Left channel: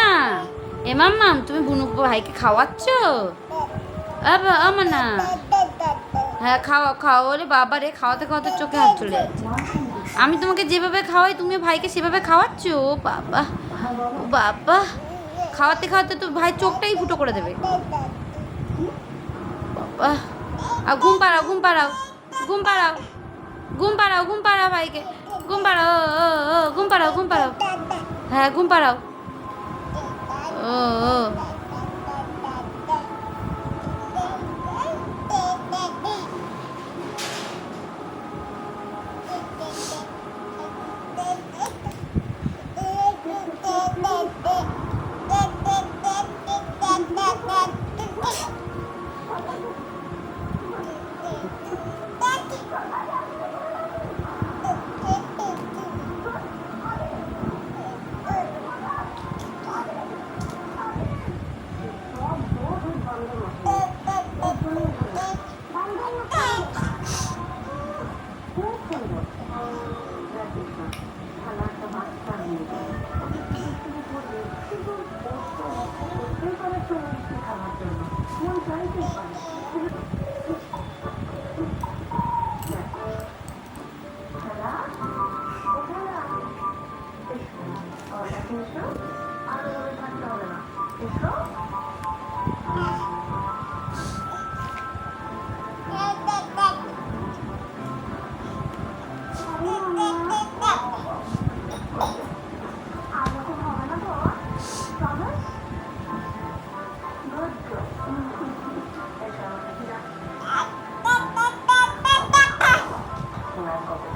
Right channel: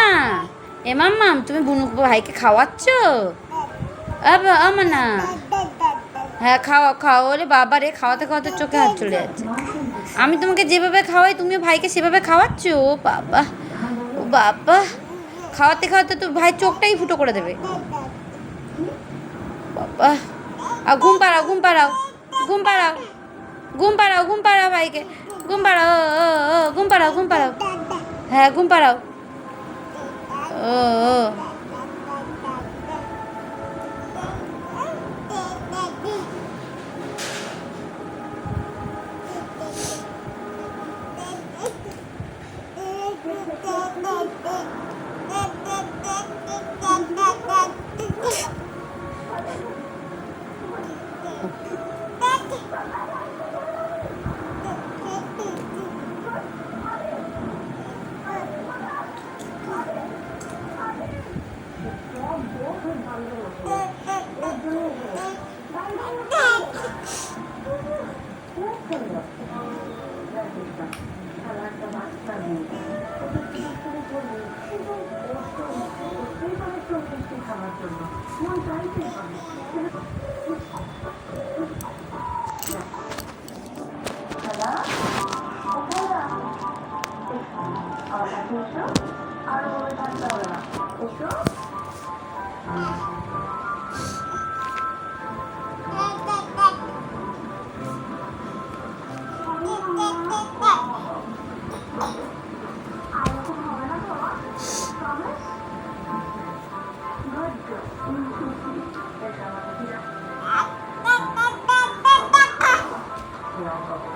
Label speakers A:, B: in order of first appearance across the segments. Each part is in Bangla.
A: না এ মাম্মাম, তুমি বুনু ভাইকে খাওয়াচ্ছ? আমার না হ্যাঁ খাওয়া খাও, ওরে বাবা রে, খাওয়াতে খাওয়াতে চোখে হাত চলে যাচ্ছে। আমি তোমাকে যেভাবে খাওয়াই তুমি ভাইকে সেভাবে খাওয়াচ্ছ? ও বাবা ও বাবা। খাওয়াতে খাওয়াতে তো ভাই চোখটাই ফুটো করে দেবে। বাবা। আর ঘুম পাড়াও ঘুম পাড়াও ঘুম পাড়াও। ঘুম পাড়াও ঘুম পাড়াও ভাইকে। ঘুম পাড়াও ঘুম পাড়াও ঘুম পাড়াও। হ্যাঁ ঘুম পাড়াও। ও। এসো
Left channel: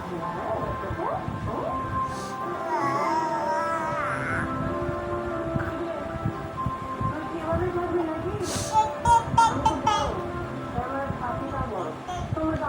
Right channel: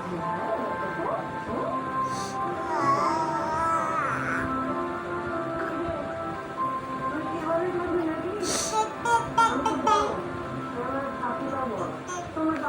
A: Thank you.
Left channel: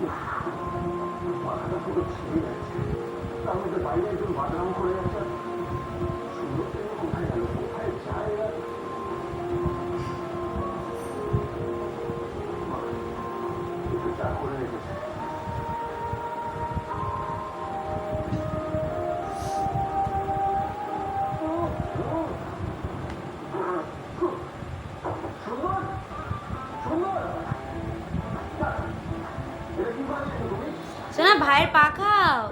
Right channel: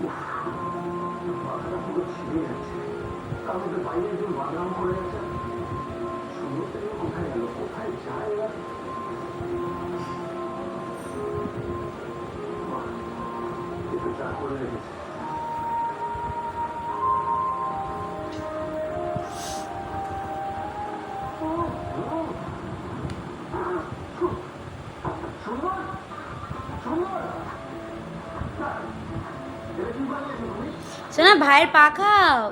A: 어, 어. 아, 정말! 정말! শোনা ভাইয়ের পা খাও।